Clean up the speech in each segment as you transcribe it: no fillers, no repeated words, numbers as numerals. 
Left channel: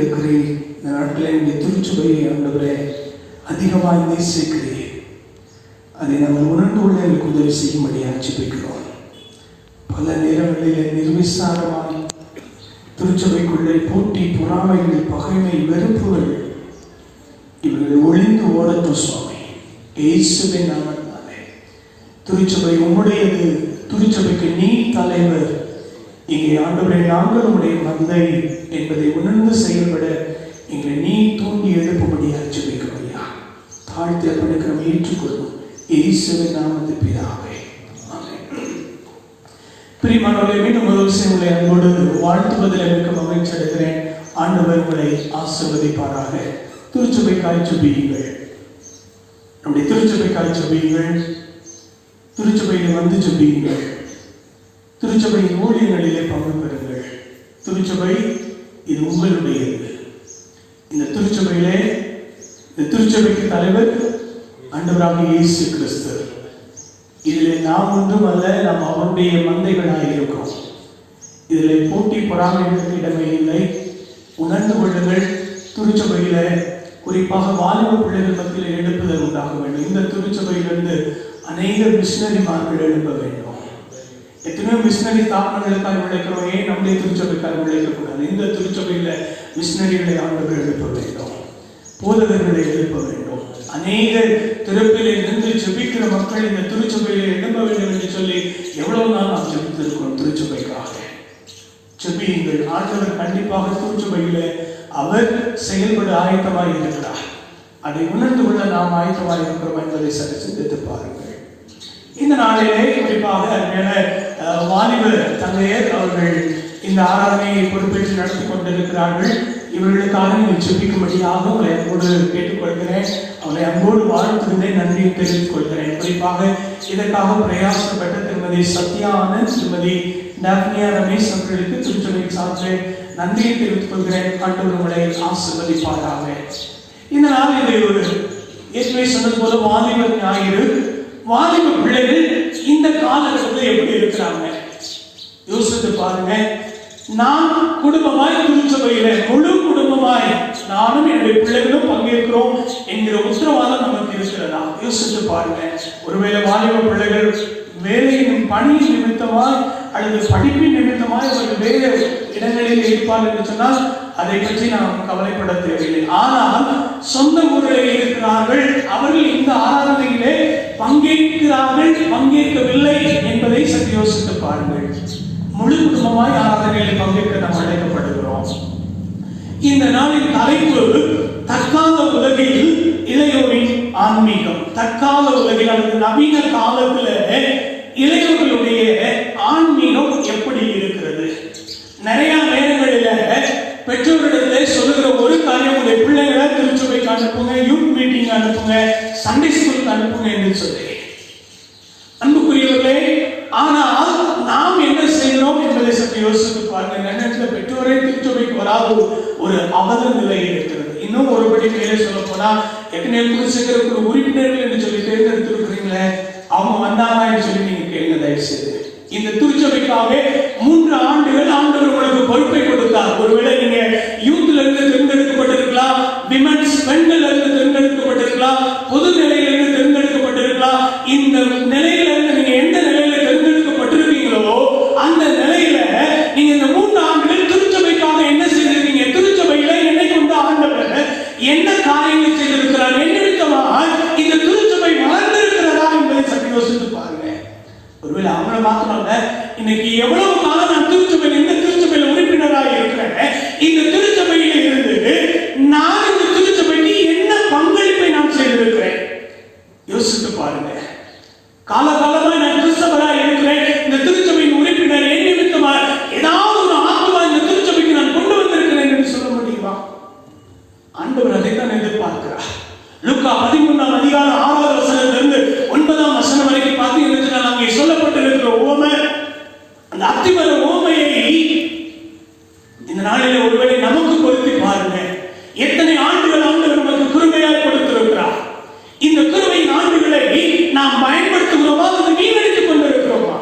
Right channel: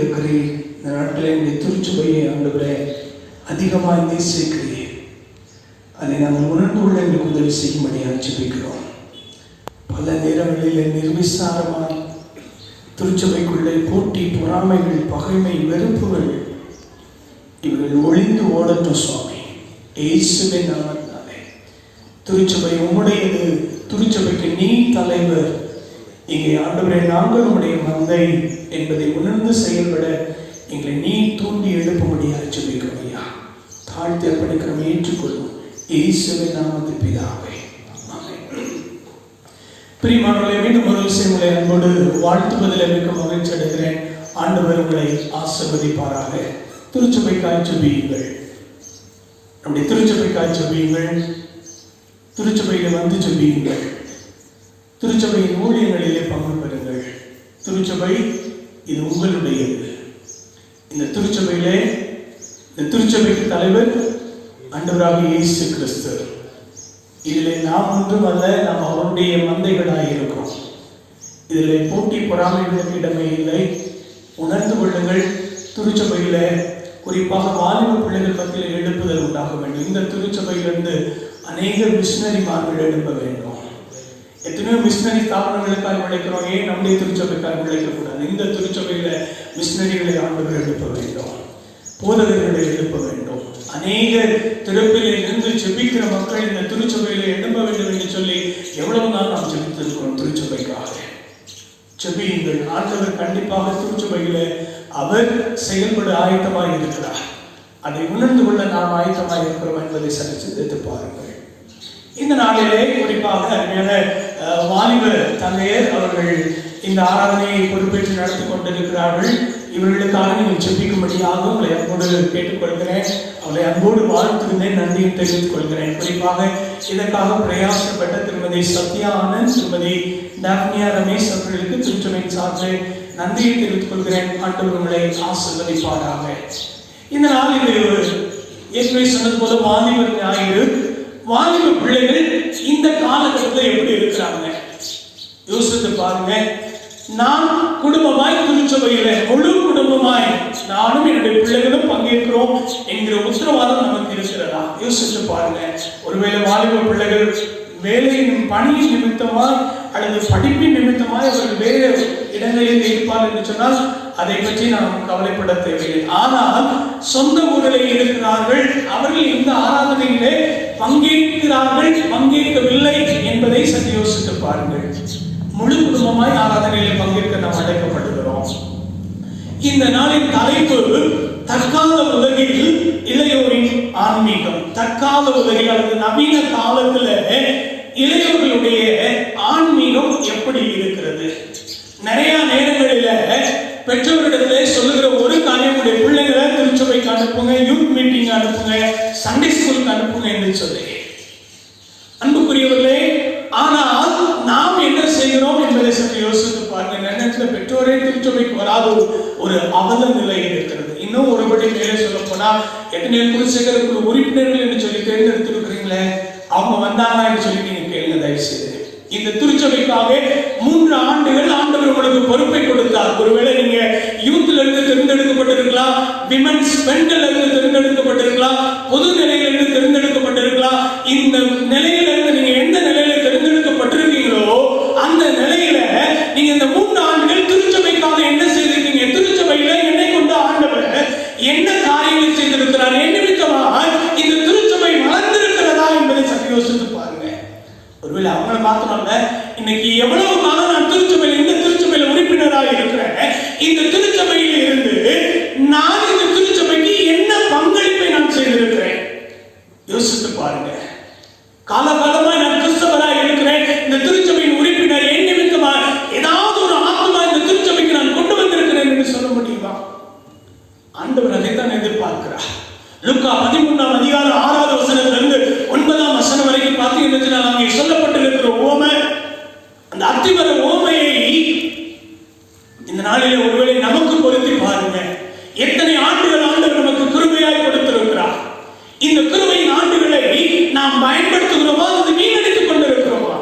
எடுக்கிறேன். இந்த நாட்டில் என்னுடைய திருச்சபையை ஆண்டவரே அதிகமாக நேசிக்கிறேன். அதை நாங்கள் உணர்ந்து கொள்ள எங்களுக்கு உதவி செய்யும்படியாக ஜெபிக்கிறோம். பல நேரங்களில் நிர்விசாரமாக திருச்சபைக்குள்ளே போட்டி, பொறாமைகள், பகைமை, வெறுப்புகள் இவர்கள் ஒளிந்து ஓடட்டும் சுவாமி. இயேசுவின் நாமத்தினாலே திருச்சபை உம்முடையது. திருச்சபைக்கு நீ தலைவர். இங்கே ஆண்டவரே நாங்கள் உம்முடைய மந்தை என்பதை உணர்ந்து செயல்பட எங்களை நீ தூண்டி எழுப்பும்படியாக ஜெபிக்கிறோம். ஐயா, தாழ்த்தி அர்ப்பணிக்கிறோம், ஏற்றுக்கொள்ளும். இயேசுவின் நாமத்தில் பிதாவே, ஆமென். பிரியமானவர்களே, மீண்டும் ஒரு விஷயம் உங்களை அன்போடு வாழ்த்துவதில் எனக்கு மகிழ்ச்சி அடைகிறேன். ஆண்டவர் உங்களை ஆசீர்வதிப்பாராக. திருச்சபைக்காய் ஜெபியுங்கள். நம்முடைய திருச்சபைக்காய் ஜெபியுங்கள். திருச்சபையில் வந்து ஜெபியுங்கள். திருச்சபையின் ஊழியங்களிலே பங்கு பெறுங்கள். திருச்சபை இது உங்களுடையது. இந்த திருச்சபையிலே இந்த திருச்சபைக்கு தலைவர் ஆண்டவராகிய இயேசு கிறிஸ்து. இதிலே நாம் ஒன்றும் அல்ல, நாம் அவருடைய மந்தைகளாக இருக்கிறோம். இதிலே போட்டி, பொறாமைகளுக்கு இடமே இல்லை. உணர்ந்து கொள்ளுங்கள். திருச்சபையில குறிப்பாக வாலிப பிள்ளைகள் மத்தியில் எழுப்புதல் உண்டாக வேண்டும். இந்த திருச்சபையிலிருந்து அநேக மிஷனரிமார்கள் எழுப்ப வேண்டும். எத்தனையோ மிஷனரி ஸ்தாபனங்களுக்காக உழைக்கிறோம். ஏன் நம்முடைய திருச்சபைக்காக உழைக்கக்கூடாது? இந்த திருச்சபையில மிஷனரிகளை ஆண்டவர் எழுப்ப வேண்டும். போதகர்களை எழுப்ப வேண்டும். அநேக திறப்பிலே இருந்து ஜெபிக்கிற மக்கள் இந்த திருச்சபையில எழுப்ப வேண்டும் என்று சொல்லி எவ்வளவு நாள் நாம் ஜெபித்திருக்கிறோம். திருச்சபைக்காக ஜெபியுங்கள். ஆண்டவர் கண்டிப்பாக திருச்சபையில அவர் செயல்பட ஆயத்தமாய் இருக்கிறார். அதை உணர்ந்து கொள்ள நாம் ஆயத்தமாய் இருக்கிறோம் என்பதை சற்று சிந்தித்து பாருங்கள். இந்த நாளிலே குறிப்பாக வாலிப தங்கையர் அவர்கள் இந்த ஆராதனையை பொறுப்பேற்று நடத்தி கொண்டிருக்கிறார்கள். இவர்களுக்காக நீங்கள் ஜெபிக்கும்படியாக உங்களை அன்போடு கேட்டுக்கொள்கிறேன். அவரை அன்போடு வாழ்த்துவதை நன்றியை தெரிவித்துக் கொள்கிறேன். குறிப்பாக இதற்காக பிரயாசப்பட்ட திருமதி சத்யா ஆனந்த், திருமதி டாப்னியா ரமேஷ் அவர்களுக்கு திருச்சபையின் சார்பில் நன்றியை தெரிவித்துக் கொள்கிறேன். ஆண்டவர் உங்களை ஆசீர்வதிப்பாராக. இந்த நாள் இது ஏற்கனவே சொன்னது போல வாலிப ஞாயிறு. வாலிப பிள்ளைகள் இந்த காலகட்டத்தில் எப்படி இருக்கிறாங்க யோசித்து பாருங்க. நாம் குடும்பமாய் திருச்சபையில முழு குடும்பமாய் நானும் என்னுடைய பிள்ளைகளும் பங்கேற்கிறோம் என்கிற உத்தரவாதம் நமக்கு இருக்கிறதா? யோசித்து பாருங்க. ஒருவேளை வாலிப பிள்ளைகள் வேலையின் பணியின் நிமித்தமாய் அல்லது படிப்பின் நிமித்தமாய் அவர்கள் வேறு இடங்களில் இருப்பார் என்று சொன்னால் அதை பற்றி நாம் கவலைப்பட தேவையில்லை. ஆனால் சொந்த ஊரில் இருக்கிறார்கள். அவர்கள் இந்த ஆராதனையிலே பங்கேற்கிறார்கள், பங்கேற்கவில்லை என்பதை சற்று யோசித்து பாருங்கள். முழு குடும்பமாய் ஆராதனையிலே பங்கேற்க நாம் அழைக்கப்படுகிறோம். இந்த நாளின் தலைப்பு தற்கால உலகில் இளையோரின் ஆன்மீகம். தற்கால உலகில் அல்லது நவீன காலத்துல இளையோர்களுடைய ஆன்மீகம் எப்படி இருக்கிறது? நிறைய நேரங்களில பெற்றோரிடத்திலே சொல்லுகிற ஒரு காரியம், உடைய பிள்ளைகளை திருச்சபைக்கு அனுப்புங்க, யூத் மீட்டிங் அனுப்புங்க, சண்டே ஸ்கூலுக்கு அனுப்புங்க என்று சொல்லி. அன்புக்குரியவர்களே, ஆனால் நாம் என்ன செய்கிறோம் என்பதை சற்று யோசித்து பாருங்க. நேரத்தில் பெற்றோரே திருச்சபைக்கு வராத ஒரு அவல நிலை இருக்கிறது. இன்னும் ஒருபடி மேலே சொல்ல போனா, எத்தனை குருசேகருக்கு உறுப்பினர்கள் என்று சொல்லி தேர்ந்தெடுத்திருக்கிறீங்களே, அவங்க வந்தாங்க என்று சொல்லி நீங்க கேளுங்க தயவு செய்து. இந்த திருச்சபைக்காக 3 ஆண்டுகள் ஆண்டவர் உங்களுக்கு பொறுப்பை கொடுத்தார். ஒருவேளை நீங்க யூத்ல இருந்து தேர்ந்தெடுக்கப்பட்டிருக்கலாம், விமன்ஸ் பெண்கள் இருந்து தேர்ந்தெடுக்கப்பட்டிருக்கலாம், பொது நிலையில இருந்து தேர்ந்தெடுக்கப்பட்டிருக்கலாம். இந்த நிலையில இருந்து நீங்க எந்த நிலையில தேர்ந்தெடுக்கப்பட்டிருக்கீங்களோ அந்த நிலையில நீங்க இந்த 3 ஆண்டுகள் திருச்சபைக்காக என்ன செய்திருக்கீங்க? திருச்சபையில என்னை கொண்டு ஆண்டவர் என்ன காரியங்கள் செய்திருக்கிறார்? என்ன விதமாக இந்த திருச்சபை வளர்ந்திருக்கிறதா என்பதை சற்று யோசித்து பாருங்க. ஒருவேளை அவங்கள மாத்திரம் இன்னைக்கு எவ்வளவு காலம் நான் திருச்சபையில் இந்த திருச்சபையில் உறுப்பினராக இருக்கிறேன். இந்த திருச்சபையில் இருந்து நான் இந்த திருச்சபைக்கு என்ன பங்களிப்பை நான் செய்திருக்கிறேன்? யோசித்து பாருங்க. காலகாலமாக நான் கிறிஸ்தவராக இருக்கிறேன். இந்த திருச்சபையின் உறுப்பினர் என் நிமித்தமாக ஏதாவது ஒரு ஆத்மா இந்த திருச்சபைக்கு நான் கொண்டு வந்திருக்கிறேன் என்று சொல்ல முடியுமா? ஆண்டவர் அதை தான் எதிர்பார்க்கிறார். லூக்கா 13ஆம் அதிகாரம் 6வது வசனத்திலிருந்து 9ஆம் வசனம் வரைக்கும் பார்த்தீங்கன்னா அங்கே சொல்லப்பட்டிருக்கிற உவமை, அந்த அத்திமர உவமையை இந்த நாளிலே ஒருவேளை நமக்கு பொருத்தி பாருங்க. எத்தனை ஆண்டுகள் ஆண்டவர் நமக்கு கிருபையாய் கொடுத்திருக்கிறார். இந்த கிருபையின் ஆண்டுகளை நாம் பயன்படுத்துகிறோமா அல்லது வீணடித்துக் கொண்டிருக்கிறோமா?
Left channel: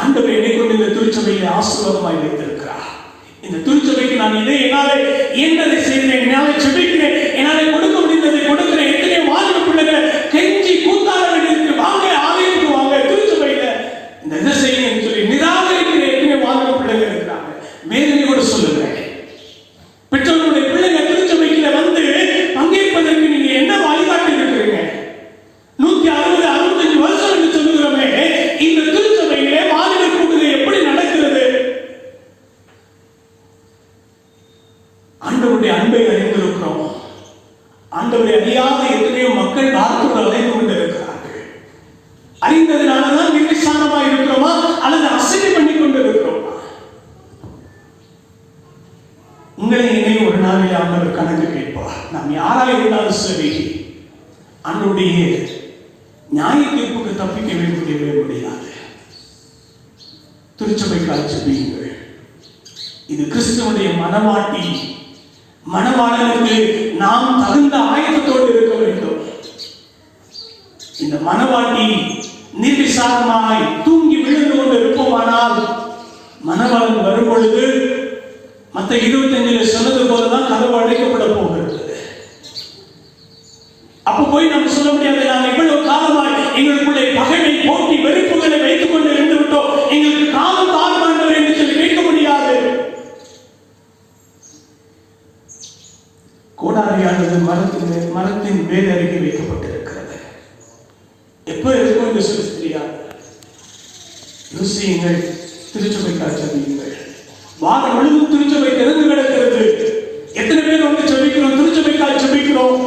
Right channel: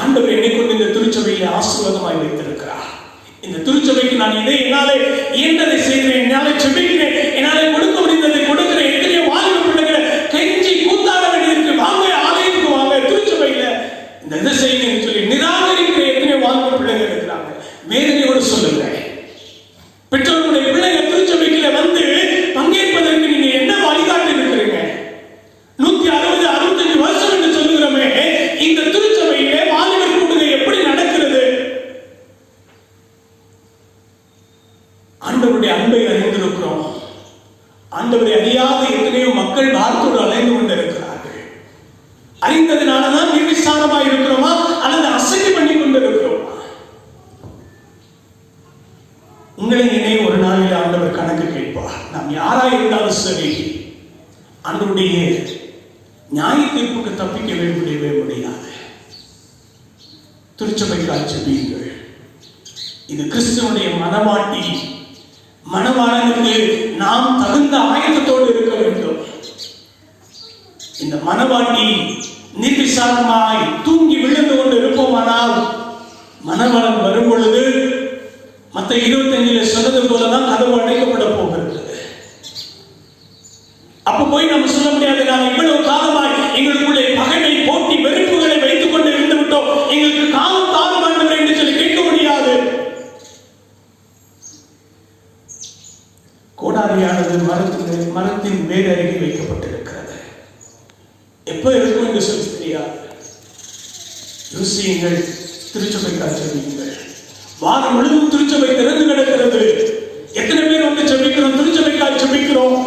ஆண்டவர் என்னை கொண்டு இந்த திருச்சபையிலே ஆசீர்வாதமாய் வைத்திருக்கிறார். இந்த திருச்சபைக்கு நான் இதை என்ன ஆண்டவருடைய அன்பை அறிந்திருக்கிறோம். ஆண்டவரை அறியாத எத்தனையோ மக்கள் வார்த்தையோடு அலைந்து கொண்டு இருக்கிறார்கள். அறிந்ததுனாலதான் நிர்விசாரமா இருக்கிறோமா அல்லது அசட்டை பண்ணி கொண்டு இருக்கிறோமா? உங்களை என்னை ஒரு நாளில் ஆண்டவர் கணக்கு கேட்பார். நாம் யாரா இருந்தாலும் சரி, ஆண்டவருடைய நியாய தீர்ப்புக்கு தப்பிக்கவே முடியாது. திருச்சபைக்காக ஜெபியுங்கள். இது கிறிஸ்துவனுடைய மனவாட்டி. மணவாளனுக்கு நாம் தகுந்த ஆயத்தத்தோடு இருக்க வேண்டும். இந்த மனவாட்டி நிர்விசாரமாய் தூங்கி விழுந்து கொண்டு இருப்போமானால் மணவாளன் வரும் பொழுது மற்ற 25 சொன்னது போலதான் கதவு அடைக்கப்பட போகிறது. அப்ப போய் நம்ம சொல்ல முடியாது, நாங்கள் இவ்வளவு காலமாய் எங்களுக்குள்ளே பகைமை, போட்டி, வெறுப்புகளை வைத்துக் கொண்டு இருந்து விட்டோம், எங்களுக்கு காலம் தாழ்மாண்டவர் என்று சொல்லி கேட்க முடியாது. கோடாரியானது மரத்தின் வேறு அருகே வைக்கப்பட்டிருக்கிறது. எப்ப இருக்கும் என்று சொல்லி தெரியாது. யோசியுங்கள். திருச்சபைக்காக ஜெபியுங்கள். வாரம் முழுவதும் திருச்சபை திறந்து கிடக்கிறது. எத்தனை பேர் வந்து ஜெபிக்கிறோம்? திருச்சபைக்காக ஜெபிக்கிறோம்.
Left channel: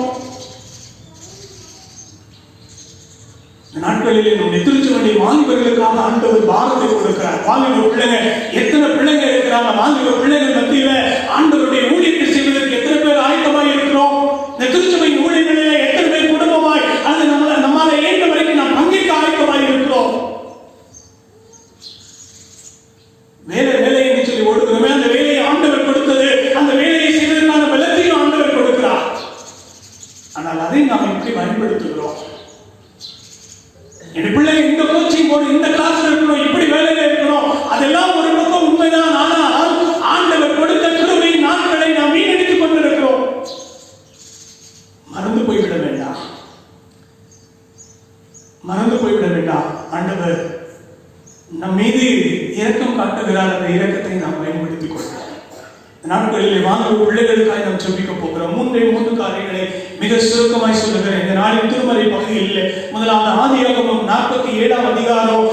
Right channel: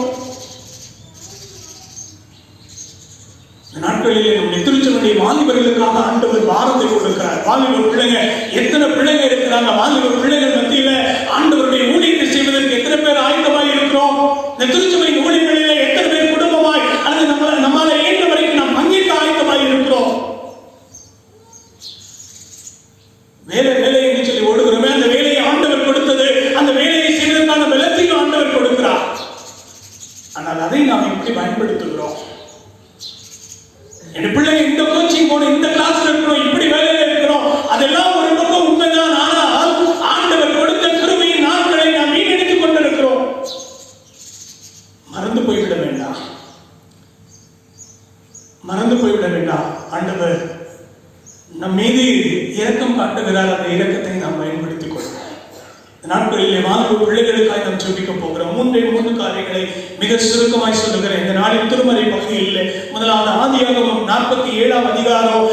இந்த நாட்களிலே நம்முடைய திருச்சபையை வாலிபர்களுக்காக ஆண்டவர் வாரத்தை கொடுக்கிறார். வாலிபர் பிள்ளைங்க, எத்தனை பிள்ளைங்க இருக்கிறாங்க? வாலிபர் பிள்ளைகள் மத்தியில ஆண்டவருடைய ஊழியத்தை செய்வதற்கு எத்தனை பேர் ஆயத்தமாய் இருக்கிறோம்? இந்த திருச்சபையின் ஊழியர்களிலே எத்தனை பேர் குடும்பமாய் அல்லது நம்மால ஏற்ற வரைக்கும் நாம் பங்கேற்க ஆயத்தமாய் இருக்கிறோம்? வேலை என்று சொல்லி ஓடுகிறோமே, அந்த வேலையை ஆண்டவர் கொடுத்தது, அந்த வேலையை செய்வதற்கான பலத்தையும் ஆண்டவர் கொடுக்கிறார். ஆனால் அதை நாம் எப்படி பயன்படுத்துகிறோம்? என் பிள்ளைங்க இந்த கோச்சிங் போகணும், இந்த கிளாஸ்ல இருக்கணும், இப்படி வேலையில இருக்கணும், அதெல்லாம் ஒரு பக்கம் உண்மைதான். ஆனால் ஆண்டவர் கொடுத்த கிருபையின் நாட்களை நாம் வீணடித்துக் கொண்டிருக்கிறோம். மறந்து போய்விட வேண்டாம். ஆண்டவர் நம் மீது இரக்கம் காட்டுகிறார். அந்த இரக்கத்தை நாம் பயன்படுத்திக் கொள்கிறோம். நாட்களிலே வாலிப பிள்ளைகளுக்காக நாம் ஜெபிக்க போகிறோம். 3 காரியங்களை மிக சுருக்கமாய் சொல்லுகிறேன். இந்த நாளின் திருமறை பகுதியில் முதலாவது ஆதியாகமம் 41 அதிகாரம்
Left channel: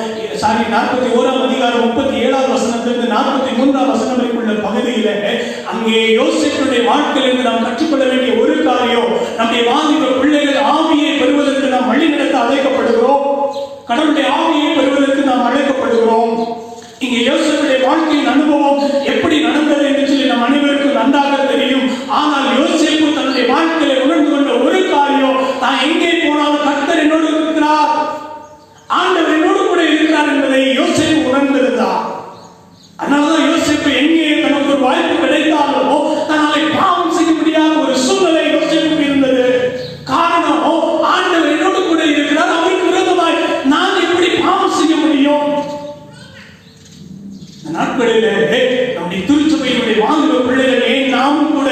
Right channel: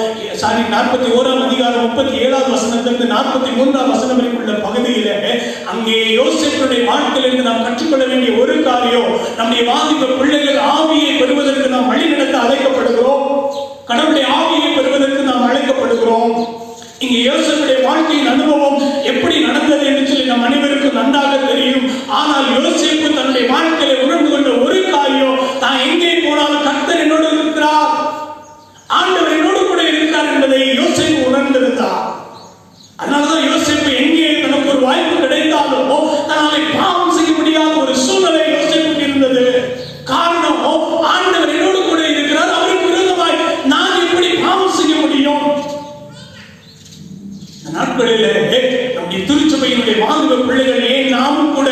37 வசனத்திலிருந்து 43 வசனம் வரைக்குள்ள பகுதியில அங்கே யோசேப்புடைய வாழ்க்கையிலிருந்து நாம் கற்றுக்கொள்ள வேண்டிய ஒரு காரியம், நம்முடைய வாலிப பிள்ளைகள் ஆவியை பெறுவதற்கு நாம் வழிநடத்த அழைக்கப்படுகிறோம். கடவுளுடைய ஆவியை பெறுவதற்கு நாம் அழைக்கப்படுகிறோம். இங்கே யோசேப்புடைய வாழ்க்கையின் அனுபவம் எப்படி நடந்தது என்று சொல்லி நம் அனைவருக்கும் நன்றாக தெரியும். ஆனால் யோசேப்பு தன்னுடைய வாழ்க்கையை உணர்ந்து கொண்ட ஒரு காரியம், தான் எங்கே போனாலும் கர்த்தர் என்னோடு இருக்கிறார், ஆண்டவர் என்னோடு கூட இருக்கிறார் என்பதை யோசேப்பு உணர்ந்திருந்தார். அதனாலதான் யோசேப்பு எங்கே தனக்கு ஒரு வாய்ப்பு கிடைத்தாலோ தன்னை பாவம் செய்ய முடியாத ஒரு சூழ்நிலை யோசேப்புக்கு இருந்தது. காரணம், ஆண்டவர் என்னோடு கூட இருக்கிறார், அவருக்கு விரோதமாய் நான் எப்படி பாவம் செய்ய முடியும்? நாட்களிலே நம்முடைய திருச்சபையினுடைய வாலிப பிள்ளைகளே, நாமும் கூட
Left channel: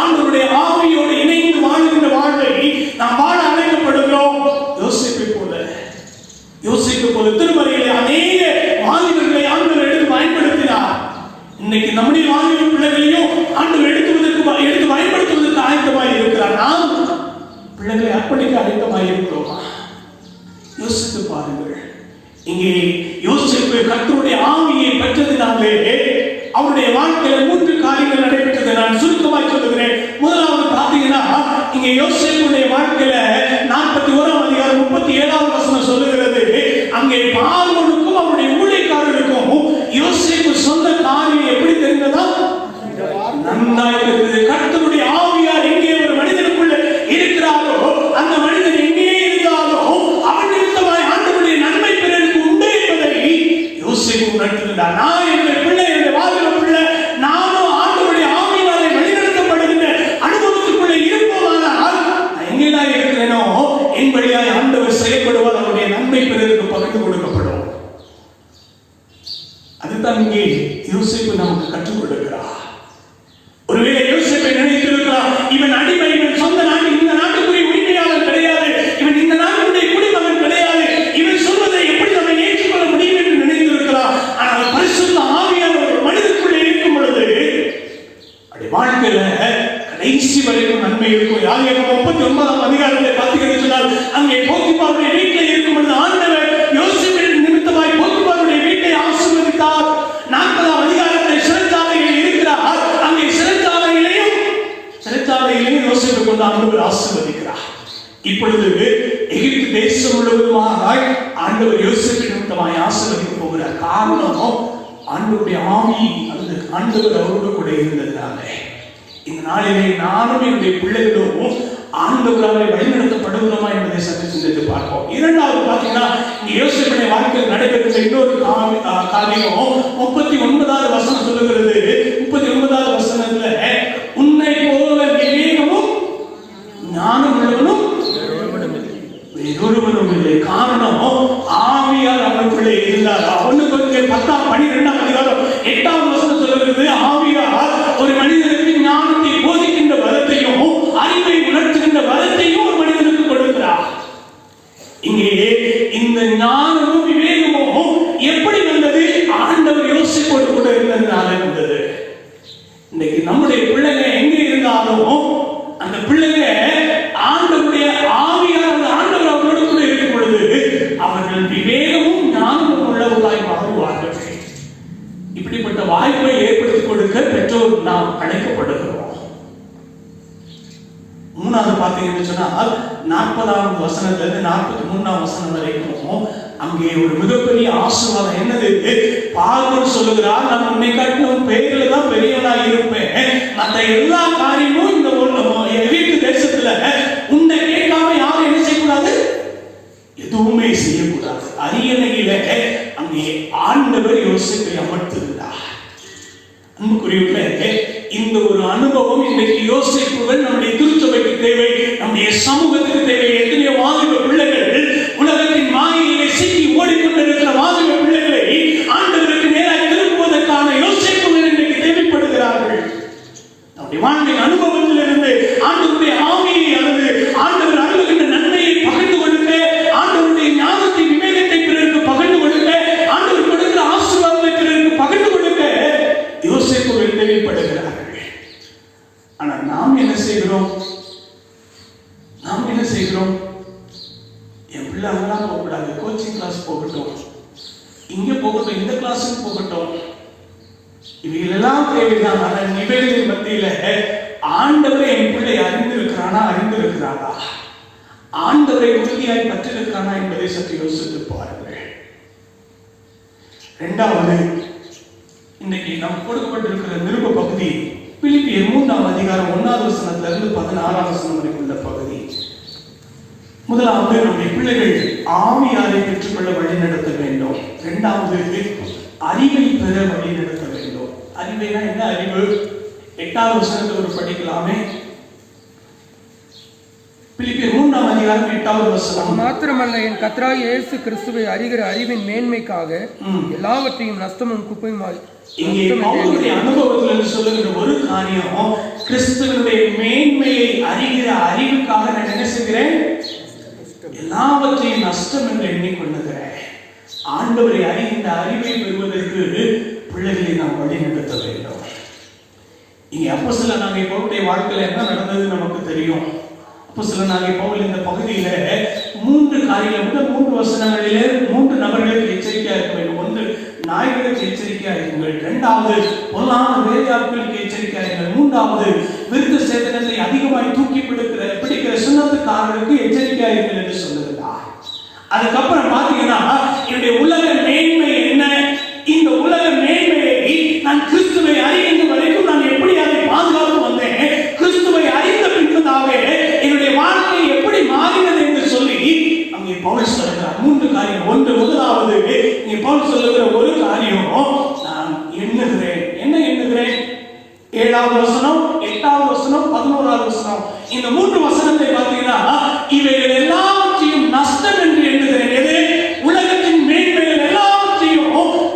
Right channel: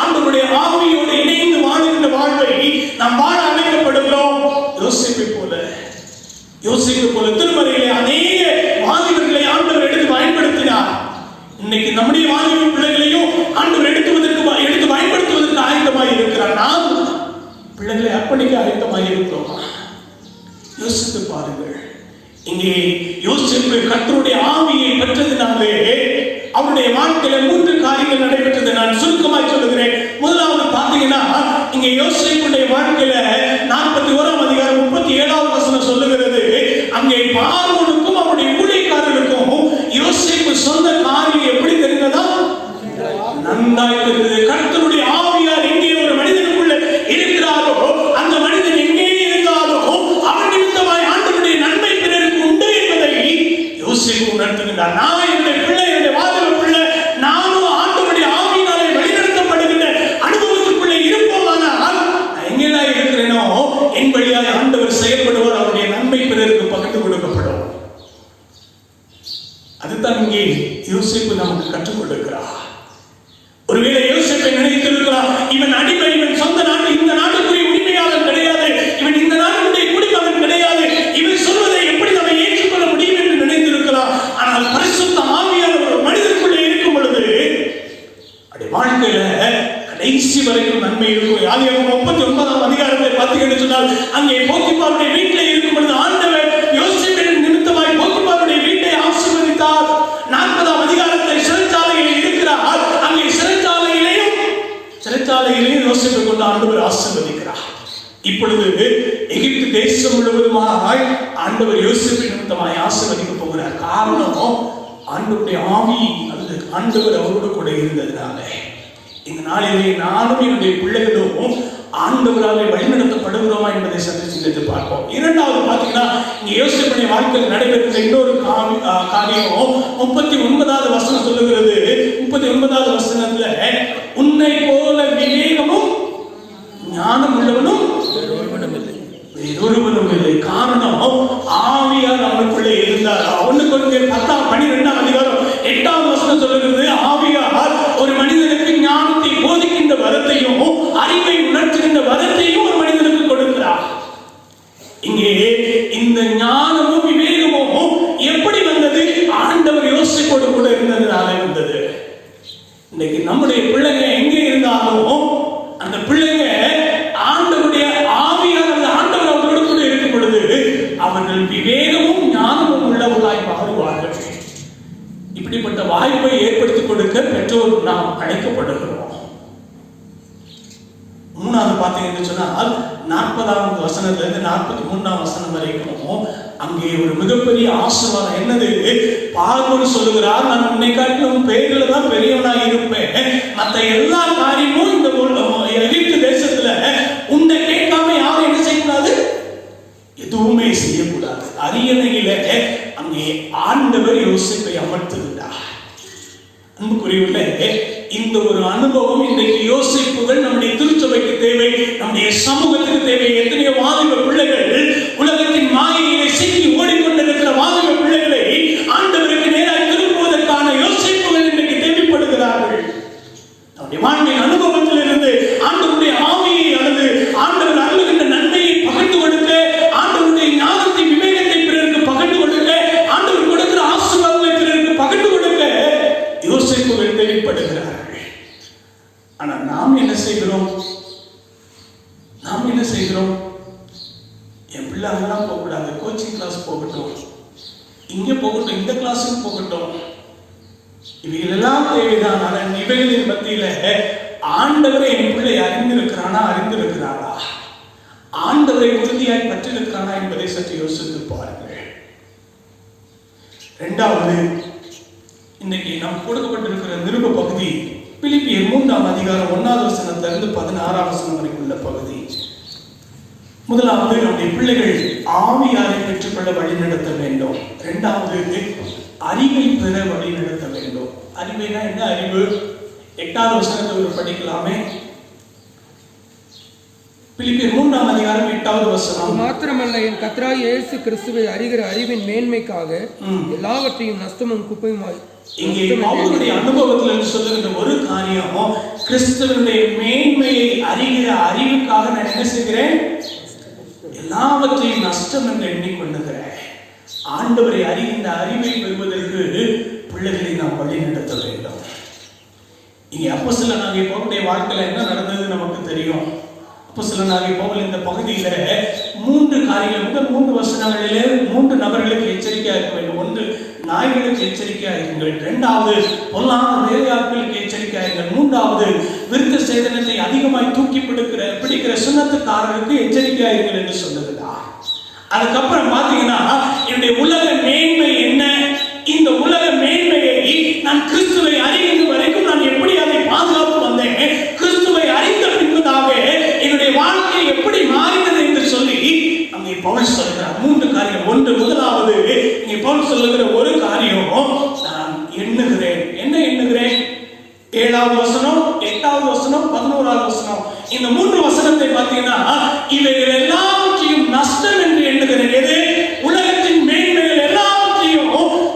ஆண்டவருடைய ஆவியோடு இணைந்து வாழ்கின்ற வாழ்வை நாம் வாழ அழைக்கப்படுகிறோம். யோசேப்பு போல திருமறையிலே அநேக வாலிபர்களை ஆண்டவர் எடுத்து பயன்படுத்தினார். இன்னைக்கு நம்முடைய வாலிப பிள்ளைகளையும் ஆண்டவர் எடுத்து பயன்படுத்துவதற்கு ஆயத்தமாய் இருக்கிறார். நாம் பிள்ளைகளை அர்ப்பணிக்க ஆயத்தமாய் இருக்கிறோம். யோசித்து பாருங்கள். இங்கே யோசேப்பு கர்த்தருடைய ஆவியை பெற்றதினாலே அவருடைய வாழ்க்கையில 3 காரியங்கள் நடைபெற்றது. நான் சுருக்கமாய் சொல்லுகிறேன். முதலாவது பார்த்தீங்கன்னா, இங்கே யோசேப்புடைய வாழ்க்கையில 41 அதிகாரம் 37 வசனம் சொல்லுகிறது, அங்கே பார்வோனுக்கும் அவருடைய ஊழியக்காரர்களுக்கும் யோசேப்பு சொந்த காரியம் எப்படி தெரிந்ததா? நன்றாய் தெரிந்தது. கர்த்தருடைய ஆவியார் எங்கே ஒரு மனிதனுக்குள்ள இருக்கிறாரோ, அந்த மனிதன் எங்கே இருந்தாலும் அவன் நிமித்தமாய் ஆண்டவருடைய நன்மை பிறருக்கு உண்டு என்பதை யோசேப்பு உணர்த்துகிறார். நான் என்னுடைய பிள்ளை, என்னுடைய வாலிப பிள்ளை, நானும் ஆண்டவருடைய ஆவியினாலே வழிநடத்தப்படுகின்ற அனுபவத்துக்குள்ளே இருப்போமானால் நான் எங்கேதான் இருக்கிறேனோ என் வழியாய் ஆண்டவர் செயல்படுவார், அவருடைய நன்மை பிறருக்கு பகிர்ந்து கொடுக்கப்படும். அதுதான் இங்கே யோசேப்பு நமக்கு கற்றுக் கொடுக்கிறார். ஒருவேளை யோசேப்பை நினைத்திருக்கிறார், இவன் அடிமை, இவன் சொந்த நாடு, இந்த நாட்டுக்குரிய உரிமையாளர் கிடையாது, இவன் இந்த நாட்டுடைய குடிமகன் கிடையாது, இவன் சொல்வதை எப்படி நம்ம ஏற்றுக்கொள்ள முடியும் என்று நினைத்திருக்கிறார். ஆனால் பரிசுத்த ஆவியானவர் ஒரு மனிதனுக்குள்ளே இருக்கும் பொழுது அவருடைய வாழ்க்கையில கடைசி வரைக்கும் நன்மை இருக்கும். ஆதியாகமம் 39 அதிகாரத்தை பார்த்தீங்கன்னு சொன்னால், அங்கே போத்திபாருடைய வீட்டில் இருக்கும் பொழுது ஆண்டவர் யோசேப்பின் நிமித்தமாய் போத்திபாருடைய வீட்டை ஆசீர்வதித்தார். 40 அதிகாரத்தை சிறைச்சாலையில் இருக்கிறார். அங்கே சிறைச்சாலையிலேயும் கொண்டு ஆண்டவர் ஆசீர்வதிக்கிறார். இப்பொழுது எகிப்து தேசம் முழுவதுமாய் ஆண்டவர் யோசேப்பு நிமித்தமாய் ஆசீர்வதிக்க போகிறார். காரணம் ஆண்டவருடைய ஆவி, அந்த ஆண்டவர் அவரோடு கூட இருந்ததுனால. இந்த நாளிலே நானும் என்னுடைய பிள்ளைகளும் ஆண்டவராலே வழிநடத்தப்படுகிறோமா என்பதை சற்று சிந்தித்து பார்ப்போம். இரண்டாவது பார்த்தீங்கன்னா, இங்க யோசேப்புடைய வாழ்க்கையில் நடைபெற்ற இன்னொரு காரியம் 39வது வசனம் சொல்லுகிறது. 39வது வசனத்துல, உன்னை போல விவேகமும் ஞானம் உள்ளவனும் வேறொருவனும் இல்லை. காரணம் ஆவியார் அவனுக்குள்ளே இருந்தார். அவனுக்கு 12 அதிகாரம் 8வது வசனம் சொல்லுகிறது, ஆவியார் ஒரு மனிதனுக்கு ஞானத்தை போதிக்கின்ற வரத்தையும் அறிவை உணர்த்துகின்ற வரத்தையும் ஒரு மனிதனுக்கு கொடுக்கிறார். இங்கே இந்த ஞானமும் விவேகமும் எப்படி வந்தது? ஆண்டவர் யோசேப்போடு கூட இருந்ததுனால வந்தது. இன்னைக்கு நம்முடைய பிள்ளைங்க எங்கே இருந்தாலும் அந்த பிள்ளைங்க ஆண்டவருடைய ஆவியானது ஆண்டவர் அவர்களோடு கூட இருக்கும் பொழுது அவர்கள் விவேகமும் ஞானமும் உள்ளவர்களாய் மாறுவார்கள். இப்படிப்பட்ட வாய்ப்பை ஏற்படுத்தி கொடுக்க பெற்றோர் நாம் அழைக்கப்படுகிறோம். மூணாவது பார்த்தீங்கன்னு சொன்னால் 40வது வசனத்திலிருந்து 43வது வசனம் வரைக்கும் அங்கே ஒரு மிகப்பெரிய ஆசீர்வாதம். என்னது? பார்வோன் சொல்லுகிறார், நான் உன்னை காட்டிலும் பெயர்ல தான் பெரியவனா இருப்பேன், மற்ற எல்லா காரியமும் இந்த எகிப்து தேசத்துல உன்னை கேட்காம யாரும் என்ன செய்யக்கூடாது, எதுவுமே செய்யக்கூடாது. அரியணையில அங்கே ஆண்டவர் யோசேப்பை அமர்த்திருந்தார். அன்புக்குரியவர்களே, இந்த ஒரு அனுபவம் இன்றைக்கு யோசேப்புகள் நம்முடைய திருச்சபைக்கு தேவை, நம்முடைய சமூகத்துக்கு தேவை. எத்தனையோ வாலிப பிள்ளைகள் உலகத்தின் மாயையிலே சிக்கி ஓடிக்கொண்டிருக்கிற வாலிப பிள்ளைகளை ஆண்டவருக்கு நேராக திருப்புவதற்கான யோசேப்புகள் இன்றைக்கு தேவைப்படுகிறார்கள். நம்முடைய வாழ்க்கை அனுபவத்திலிருந்து ஆண்டவருடைய ஆவியை அல்லது ஆண்டவர் அருளுகின்ற நன்மையை பகிர்ந்து கொடுக்க, ஆண்டவருடைய ஞானத்தை விவேகத்தை பிறருக்கு பகிர்ந்து கொடுக்க, ஆண்டவர் கொடுக்கிற ஆசீர்வாதத்தை பிறருக்கு பகிர்ந்து கொடுக்க யோசேப்புகள் தேவைப்படுகிறார்கள். ஆனா நாம் என்ன செய்கிறோம்? என் பிள்ளை அதெல்லாம் போகக்கூடாது, கோச்சிங் கிளாஸ் போகட்டும், இங்க போகட்டும், இந்த கிளாஸுக்கு போகட்டும், இவைகள் எல்லாம் தேவைதான். ஆனால் இவைகளின் மத்தியில ஆண்டவரை என் பிள்ளை அறிந்திருக்கிறானா, ஆண்டவரை உறுதியாய் பற்றிருக்கிறானா என்பதை சற்று யோசித்து பாருங்கள். இரண்டாவது, இன்னைக்கு நாம் கொடுக்கப்பட்டிருக்கிற நிருப பகுதி பிலிப்பியர் 3ஆம் அதிகாரம் 1வது வசனத்திலிருந்து 16ஆம் வசனம் வரைக்கும் உள்ள பகுதி. முதலாவது, நம்முடைய பிள்ளைகள் ஆவியாரை பெற்றுக்கொள்ள வழி நடத்த வேண்டும். இரண்டாவது, அறிவை பெற வழி நடத்த வேண்டும். அறிவைனா என்ன அறிவு? 8வது வசனத்தை ஒரு படிக்கலாமே. பிலிப்பியர் 3ஆம் அதிகாரம் 8வது வசனம். மாத்திரமல்ல, என் கர்த்தராகிய இயேசு கிறிஸ்துவை அறிகிற அறிவின் மேன்மைக்காக எல்லாவற்றையும் நஷ்டமும் குப்பையுமாய். இங்கே பவுலுடைய அனுபவத்தில் சொல்லுகிற ஒரு காரியம், கிறிஸ்துவினுடைய மேன்மையை அறிகிற அறிவுக்காக நான் என்ன செய்கிறேன்? எல்லாவற்றையும் நஷ்டம் என்று எண்ணிக்கொள்ளுகிறேன். ஆண்டவரை அறிகின்ற அறிவை பெறுவதற்கு பிள்ளைகளை நாம் வழி நடத்த வேண்டும். இங்கே அப்போஸ்தலனாகிய பவுலுடைய வாழ்க்கையில என்ன நடந்தது நமக்கு தெரியும். அப்போஸ்தலனாகிய பவுல் இந்த பகுதியில 3 காரியங்கள், முதல் 3 வசனங்களிலே 3 நபர்களுக்கு எச்சரிக்கையாக இருக்க வேண்டும். ஒன்று, நாய்களுக்கு எச்சரிக்கையாக இருங்கள். இரண்டாவது, பொல்லாத வேலையாட்களுக்கு எச்சரிக்கையாக இருங்கள். மூன்றாவது, விருத்த சேதனத்தை அதிகமாய் தூக்கி பிடிக்கிற சுண்ணத்துக்காரருக்கு எச்சரிக்கையாக இருங்கள் என்று சொல்லுகிறார். அதுக்கப்புறம் பாத்தீங்கன்னா, என்னுடைய உலக மேன்மை என்ன? இந்த உலக மேன்மையை நான் கிறிஸ்துவை அறிகின்ற வரைக்கும் நான் எப்படி அதை பாதுகாப்பு வந்தேன், கிறிஸ்துவை அறிந்த பின்பதாக என்னுடைய வாழ்க்கை எப்படி மாறினது என்று சொல்லி அங்கே பவுல் சொல்கிறார். 3 காரியம். ஒன்று, முதலாவது, இங்கே பவுல் சொல்லுகிற ஒரு காரியம், நான் எண்ணுகிறேன். என்ன எண்ணுகிறேன்? 7வது வசனம், 8வது வசனம், 11வது வசனம். இந்த 3 வசனத்தை பார்த்தீங்கன்னா, இவைகள் எல்லாவற்றையும் நஷ்டம் என்று எண்ணுகிறேன். எது? உலகத்தின் மேன்மைகள் எல்லாவற்றையும்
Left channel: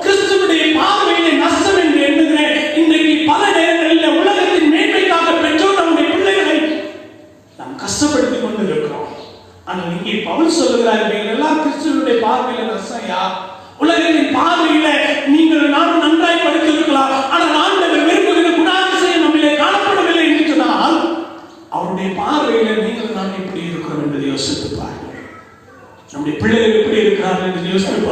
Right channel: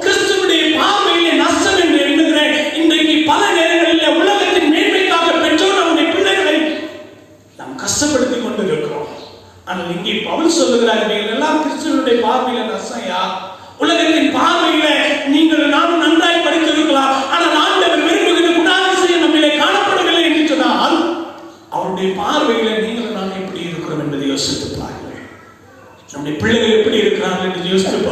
கிறிஸ்துவுடைய பார்வையிலே நஷ்டம் என்று எண்ணுகிறேன். இன்றைக்கு பல நேரங்களில் உலகத்தின் மேன்மைக்காக பெற்றோர் நம்முடைய பிள்ளைகளை நாம் கஷ்டப்படுத்திக் கொண்டு இருக்கிறோம். ஆனால் இங்கே பவுல் சொல்லுகிறார், இவைகள் எல்லாம் கிறிஸ்துவுடைய பார்வையில நஷ்டம். உலகத்தின் பார்வையில நீங்கள் நாம் நன்றாய் படித்திருக்கலாம், ஆனால் ஆண்டவர் விரும்புகிற குணாதிசயம் நம்மிலே காணப்படவில்லை என்று சொன்னால் அவருடைய பார்வையில நீங்கள் நாம் எப்படி இருக்கிறோம் என்பதை யோசித்து பாருங்கள். நம்முடைய பிள்ளைகள் எப்படி இருக்கிறார்கள் என்று யோசித்து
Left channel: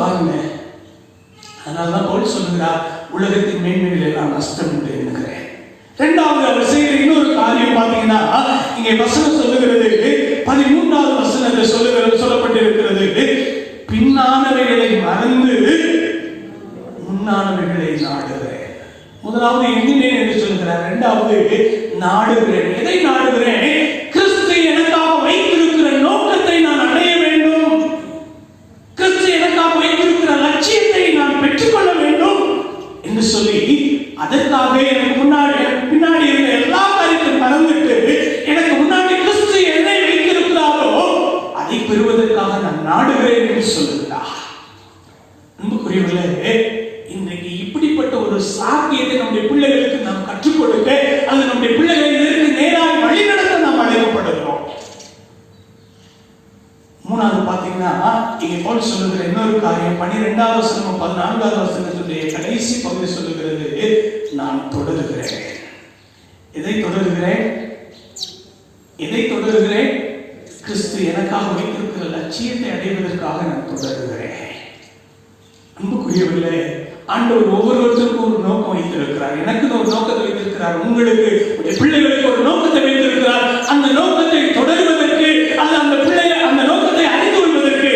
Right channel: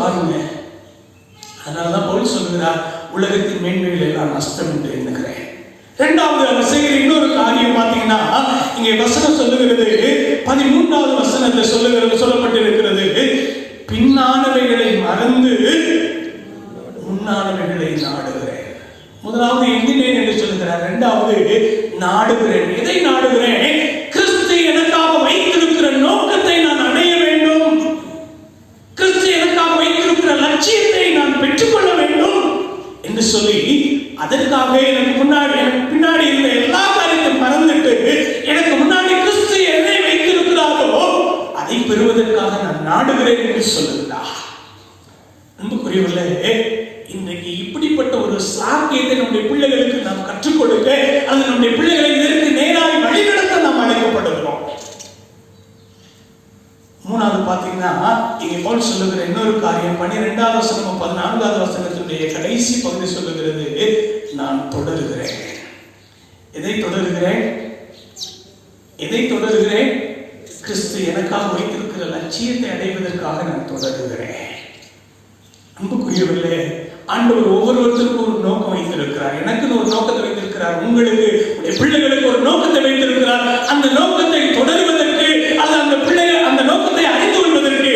பாருங்க. அதனால்தான் பவுல் சொல்லுகிறார், உலகத்தின் மேன்மைகள் எல்லாம் நஷ்டம் என்று எண்ணுகிறேன். இரண்டாவது, அவர் செய்கிற இன்னொரு நோக்கினேன் என்று சொல்கிறார். இரண்டாவது நாடுகிறேன். எதை நாடுகிறேன்? கிறிஸ்து எனக்காக வைத்திருக்கிற நோக்கத்தை நான் அடைய வேண்டும். கிறிஸ்து எனக்காக வைத்திருக்கிற லட்சியத்தை நான் பெற்றுக்கொள்ள வேண்டும் என்று சொல்லி அதற்காக எனக்கு பின்னாடி இருந்த எல்லா காரியத்தையும் மறந்துட்டு எனக்கு முன்னாடி கிறிஸ்து என்னை வைத்திருக்கிறாரோ அதை பெறுவதற்காக நான் நாடுகிறேன் என்று சொல்லுகிறார். அன்புக்குரியவர்களே, இன்றைக்கு இப்படிப்பட்ட ஒரு சாக்கியத்தை நம்முடைய பிள்ளைகளுக்கு நாம் கற்றுக் கொடுக்க, அது நம்முடைய பிள்ளைகளை இதற்கு நேராக வழிநடத்த நாம் அழைக்கப்படுகிறோம். மூணாவது பாத்தீங்கன்னா, இங்கே பவுல் சொல்லுகிற இன்னொரு காரியம் 12வது வசனம் 14வது வசனத்துடைய கடைசி பகுதி சொல்லுகிறது, நான் தொடருகிறேன். எதை தொடருகிறேன்? எதை தொடருகிறேன்? கிறிஸ்து எனக்காக வைத்திருக்கிற லட்சியத்தை அடைவதற்காக நான் தொடருகிறேன். அன்புக்குரியவர்களே, ஆண்டவர் ஒவ்வொருவருக்கும் ஒரு நோக்கம் வைத்திருக்கிறார். எனக்கு ஒரு நோக்கத்தை வைத்திருக்கிறார். உங்களுக்கு, பிள்ளைகளுக்கு ஒரு நோக்கத்தை வைத்திருக்கிறார். அந்த நோக்கத்தை தொடருவதற்கு, அந்த பிள்ளைகள் அந்த நோக்கத்தை அறிந்து கொள்வதற்கு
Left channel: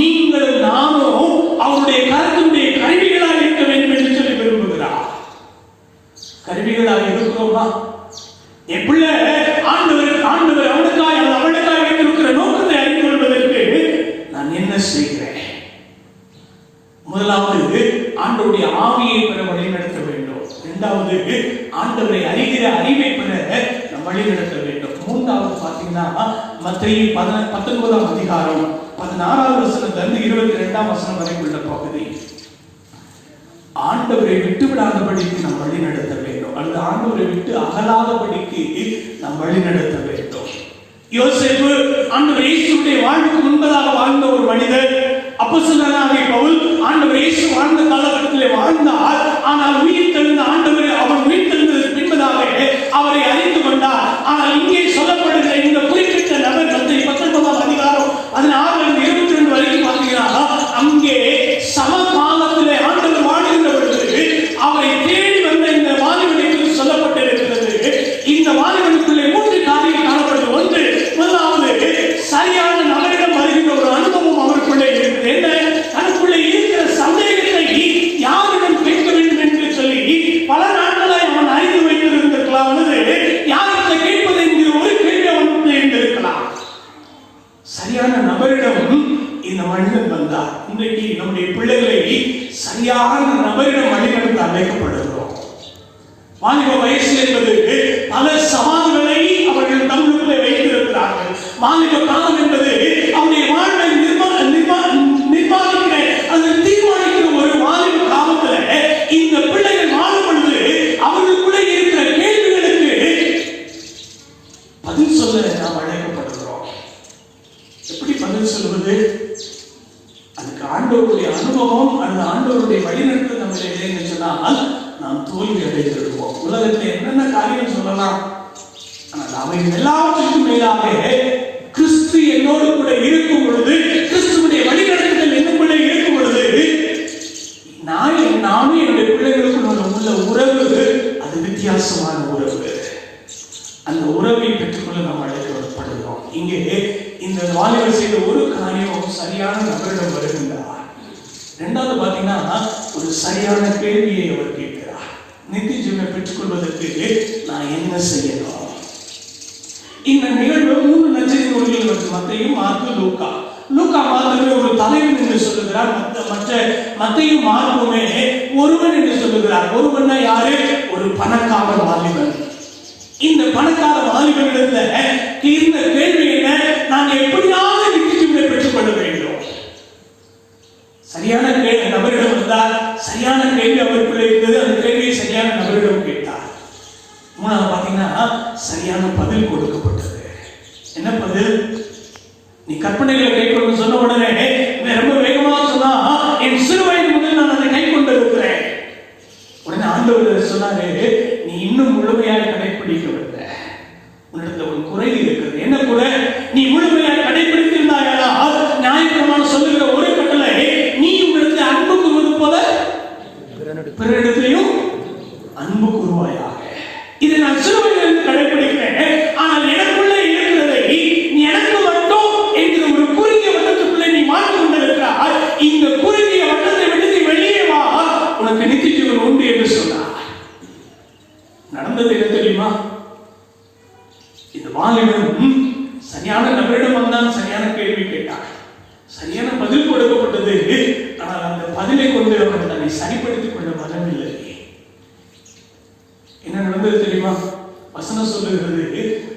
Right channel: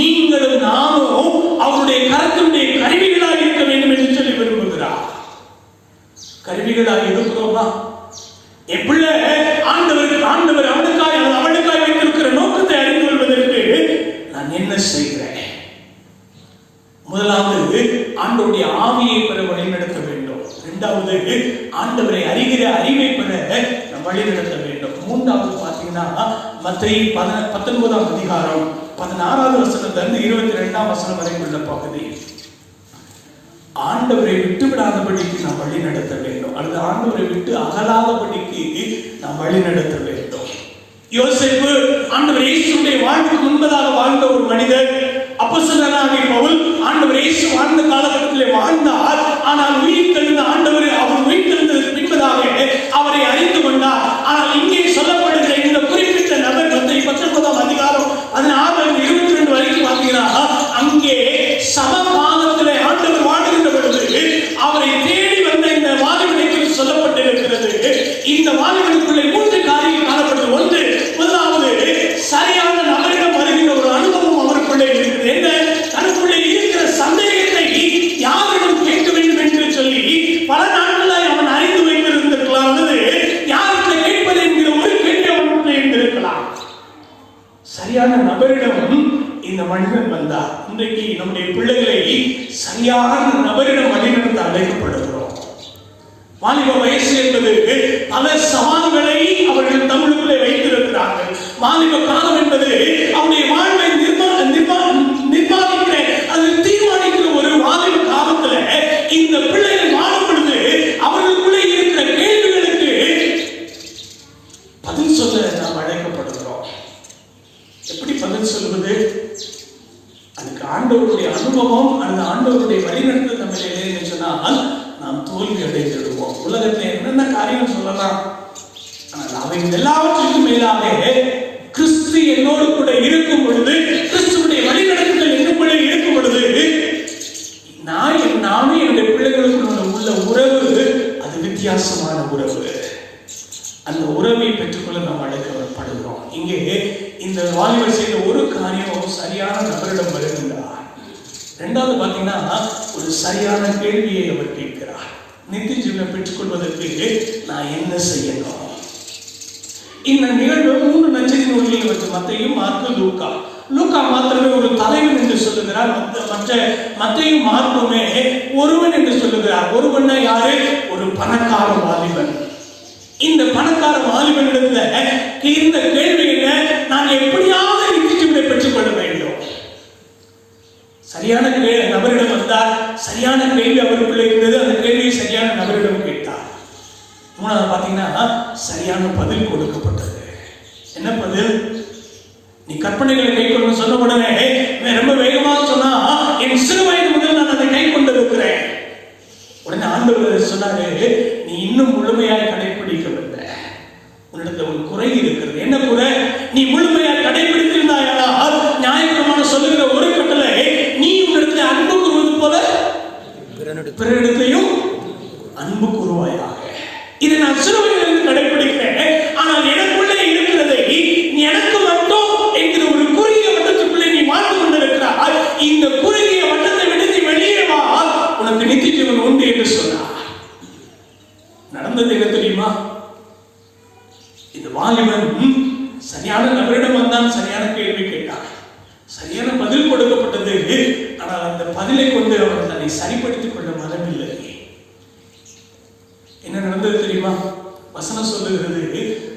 நீங்களும் நாமும் அவருடைய கருத்துடைய கருவிகளாக இருக்க வேண்டும் என்று சொல்லி விரும்புகிறார். கருவிகளாக இருக்கிறோமா? என் பிள்ளை ஆண்டவர் அவளுக்காய் வைத்திருக்கிற நோக்கத்தை அறிந்து கொள்வதற்கு நான் என்ன செய்கிறேன்? முதலாவது, ஆண்டவருடைய ஆவியை பெற வழிநடத்த வேண்டும். இரண்டாவது, ஆண்டவரை அறிகிற அறிவை பெற வழிநடத்த வேண்டும். மூன்றாவது பாத்தீங்கன்னா, மத்தேயு 19ஆம் அதிகாரம் 16வது வசனத்திலிருந்து 22ஆம் வசனம் வரை உள்ள பகுதி. ஆண்டவரை விட்டு விடாதபடிக்கு நாம் வழி நடத்த வேண்டும், அல்லது ஆண்டவரை விட்டு அகலாதபடிக்கு நாம் வழி நடத்த வேண்டும். யோசேப்பு ஆண்டவர் இயேசுவுடைய வாழ்வுக்கு முன்பதாக வாழ்ந்த ஒரு மனிதர். அப்போஸ்தலனாகிய பவுல் ஆண்டவர் இயேசு வாழ்ந்த காலகட்டத்திலே வாழ்ந்தார். ஆனால் உயிர் தெழுந்த ஆண்டவர் அவர் உயிர் தெழுந்ததற்கு பின்பதாக அவரை அறிந்து கொண்டார். ஆனால் இங்கே சொல்லப்படுகிற இந்த குறிப்பிட்ட நபர் 19ஆம் அதிகாரம் 16 22 வரைக்கும் பார்த்தீங்கன்னா, அங்கே சமகாலத்திலே ஆண்டவர் வாழ்கின்ற பொழுது அவரை தேடி வந்த இந்த வாலிபனுக்கு சொல்லப்பட்டிருக்கிறது. இந்த வாலிபனுக்குள்ளே 3 காரியங்கள் காணப்பட்டது. ஒன்று, முதலாவது சரியான நபரிடம் வருகின்ற ஒரு அனுபவம் அவருக்குள்ளே இருக்கிறது. என்ன? தனக்குள்ளே இருக்கிற சந்தேகத்தை யாரிடம் கேட்க வேண்டும் என்று சொல்லி பல நாட்களாய் அவன் அறிந்து வைத்திருந்திருக்கலாம், அல்லது யாருக்கு கேட்பது என்கிற ஒரு கேள்வி அவனுக்குள்ளே இருந்திருக்கலாம். சரியான நபரிடம் இந்த மனிதன் வந்தார். இன்றைக்கு நம்முடைய பிள்ளைகளை சரியான நபரிடம் வழிநடத்த அழைக்கப்படுகிறோம். வாலிப வயசு என்பது பல சவால்களை அவர்கள் தங்களுக்குள்ளே வைத்திருக்கிறார்கள். வாலிப காலம் என்பது அவருடைய வாழ்வை நிர்மாணிக்கிற அல்லது தீர்மானிக்கிற ஒரு வாலிப காலத்தில் இந்த பிள்ளைகள் வாழும் பொழுது அவர்களுக்குள்ளே இருக்கிற கேள்விகளுக்கு பதில் சொல்ல நாம் அழைக்கப்படுகிறோம். எப்படி பதில் சொல்வது? அதுக்கு ஆண்டவருடைய அனுபவம் அல்லது ஆண்டவருடைய வழிநடத்தல் நம்ம இல்லைன்னு சொன்னால் நாம் தோல்வி அடைந்துவிடுவோம். உலகத்தில் என்னென்ன காரியம் சொல்லலாம், ஆனால் அவைகள் எல்லாவற்றிற்கும் மேலாக கிறிஸ்து என்னோடு கூட இருக்கும் பொழுது, கிறிஸ்துவுடைய வழிநடத்தல் என்னுக்குள்ளே இருக்கும் பொழுது, நாமே என்னுடைய பிள்ளைகளுக்கு உள்ள உறவு அது வித்தியாசமான உறவு. அந்த உறவை பெற்றுக்கொள்ள நாம் அழைக்கப்படுகிறோம். இங்கே இந்த வாலிபர் செய்த ஒரு காரியம் சரியான நபரிடம் வருகின்றார். இரண்டாவது பார்த்தீங்கன்னா, ஒரு சரியான கேள்வியை அவர் கேட்கிறார். நித்திய ஜீவனை பெற்றுக்கொள்வதற்கு நான் என்ன செய்யணும்? இந்த நிகழ்வு 3 நற்செய்தி நூல்களில் வந்து மத்தேயு, மார்க்கு, லூக்கா. லூக்கா மாத்திரமே ஒரு தலைவன் என்று சொல்லுகிறார். மத்தேயு மார்க்குமே ஒருவன் என்று சொல்லுகிறார். ஒருவன்னா யாரு? ஒரு பணக்கார வாலிபன். இந்த பணக்கார வாலிபனிடத்துல இருந்த கேள்வி என்ன? நான் எப்படியாவது நித்திய ஜீவனை பெற்றுக்கொள்ள வேண்டும். சரியான நபரிடம் வந்தார். சரியான கேள்வி அவருக்குள்ளே இருந்தது. அந்த கேள்வியை சரியான நபரிடம் கேட்டார். மூணாவது பார்த்தீங்கன்னா, சரியான பதில் கொடுக்கப்பட்டது. என்ன பதில்? நீ கற்பனைகளை கைக்கொள்ள சொன்ன உடனே ரொம்ப வேகமாக சொன்னா, என் சிறு வயது முதல் நான் அதை கை கொண்டிருக்கிறேன். உடனே ஆண்டவர் சொன்னாரு, நீ இன்னும் முழுமையாக கடைபிடிக்கவில்லை. உன்னிடத்துல ஒரு குறை இருக்கிறது. என்ன குறை? நீ முழுமையாக கடைபிடித்திருந்தாயானால் நியாயப்பிரமாணம் சொல்லுகிற ஒரு கட்டளை, நீ உன்னிடத்தில் அன்பு கூறுவது போல பிறரிடத்திலையும் அன்பு கூறுவாயாக. இதை நான் சிறுமையிலிருந்து கடைபிடிக்கிறேன். ஆனால் எனக்குள்ளே இருக்கிறதை நீ எனக்கு மட்டும் என்கிற ஒரு குறுகிய வட்டத்துக்குள்ளே நீ வாழ்ந்து கொண்டிருக்கிறாய். இந்த குறுகிய வட்டத்தை விடுத்து வெளியே வா, உனக்கு நித்திய ஜீவன் உண்டு என்று சொன்னார். நடந்தது என்ன தெரியுமா? இந்த வாலிபன் சரியான நபரிடம் வந்தான், சரியான கேள்வி கேட்டான், சரியான பதில் கொடுக்கப்பட்டது. ஆனால் அந்த பதிலை கொண்டு அவன் தன்னை சரிப்படுத்திக் கொள்ள மனமில்லை. என்ன நடந்தது தெரியுமா? வசனம் சொல்லுகிறது,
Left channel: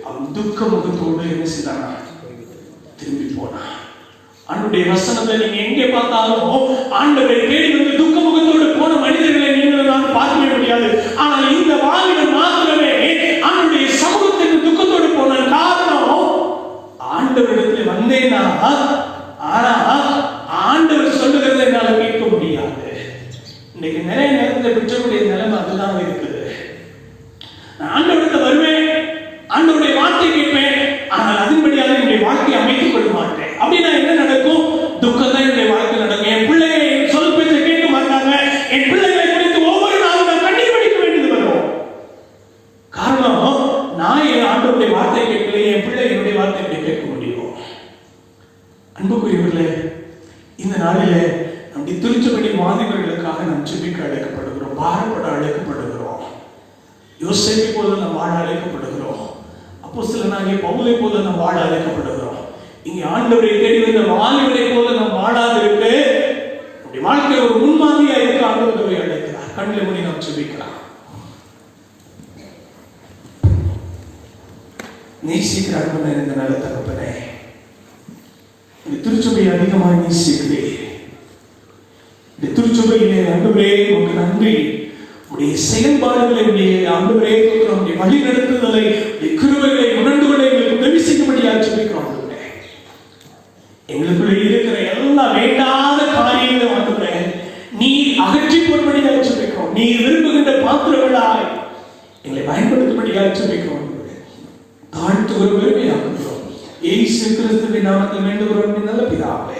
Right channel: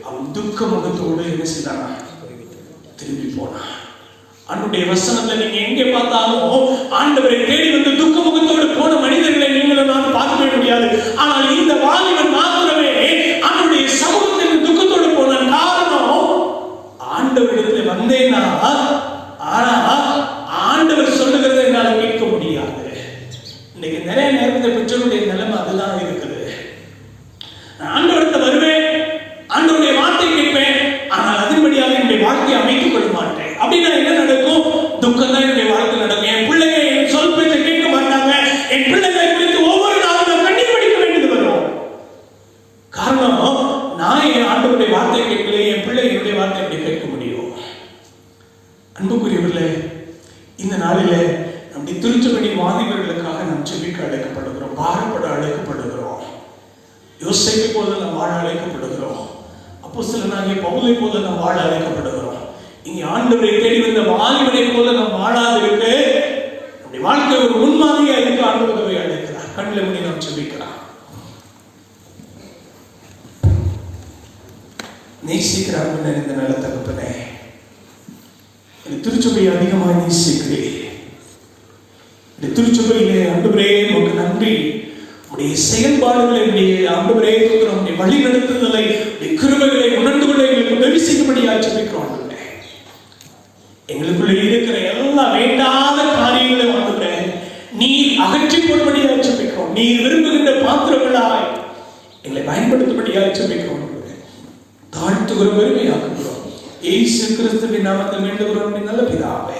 அவன் துக்க முகத்தோடு என்ன செய்தானா? திரும்பி போனான். ஆண்டவருடைய வசனத்தை நீங்க எங்கே பார்த்தாலும் ஆண்டவரை தேடி வந்து துக்க முகத்தோடு போன மனிதர்களை நீங்கள் நான் பார்க்கவே முடியாது. ஆனால் இந்த வாலிபன் மாத்திரமே ஆண்டவருடைய சமூகத்திற்கு துக்கத்தோடு போன காரணம், ஆண்டவரிடத்தில் வந்தேனா, ஆனா ஆண்டவர் சொல்லுகிறதை என்னால் கேட்க முடியாது. இன்னைக்கு நிறைய நேரத்தில் பெற்றோருடைய நிலைமை அதுதான் இருக்குது. ஆண்டவரத்தை வருவேன், ஆண்டவருடைய வார்த்தை கேட்பேன், ஆனால் அதன்படியாக என்னுடைய வாழ்க்கையை அமைத்துக் கொள்ள மாட்டேன். அப்படின்னா என்ன நடக்கும்? துக்கம் தான் என்னுடைய வாழ்க்கை நடக்கும். என் பிள்ளைங்க என் சொல் பேச்சை கேட்க மாட்டாங்க. என் பிள்ளைகளை குறித்து ஒவ்வொரு நாளும் நான் கண்ணீர் வடிக்க வேண்டியது வரும். காரணம், நான் என் ஆண்டவருடைய வார்த்தை கேட்கலையே, என் பிள்ளை என்னுடைய வார்த்தை எப்படி கேட்க முடியும்? அன்புக்குரியவர்களே, இந்த நாளிலே நம்முடைய திருச்சபை வாலிபர்களுக்காக நாம் ஜெபிக்க அழைக்கப்படுகிறோம், பாடுபட அழைக்கப்படுகிறோம். யோசேப்பை போல நாம் வாழ அழைக்கப்படுகிறோம். அப்போஸ்தலனாகிய பவுலை போல நாம் வாழ அழைக்கப்படுகிறோம். இங்கே ஆண்டவரை தேடி வந்த வாலிபரை போல நாம் வாழாதிருக்க, நம்முடைய வாழ்க்கையில் ஒரு முன்மாதிரியா இருக்க ஆண்டவரை அழைக்கிறார். கண்ணில் மூடி நாம் ஜெபிக்கலாம். நேசிக்கிறார்கள் இந்த நல்ல தகப்பனே, இந்த திருச்சபையை அதிகமாக நேசிக்கிறேன். இந்த திருச்சபையிலே ஆண்டவரே உமக்கு நன்றி. உடைய செயல்பாடுகளை ஆண்டவரே உடைய வழி நடத்துதலை, கிருபைகளை உணர்ந்துகளை உதவி செய்யும்படியாக ஜெபிக்கிறோம். எங்களுக்குள்ள இருக்கிற எல்லா வேண்டாத காரியங்களை ஆண்டவரே நீர் அகற்றி போடும்படியாக ஜெபிக்கிறோம். நீர் விரும்புகின்ற பாத்திரங்களாய் எங்களை பயன்படுத்தும்படியாக ஜெபிக்கிறோம். தாழ்த்துகிற பெருமையாகிறோம். இயேசு கிறிஸ்துவின் நாமத்தில் வேண்டுகிறோம் நல்ல பிதாவே.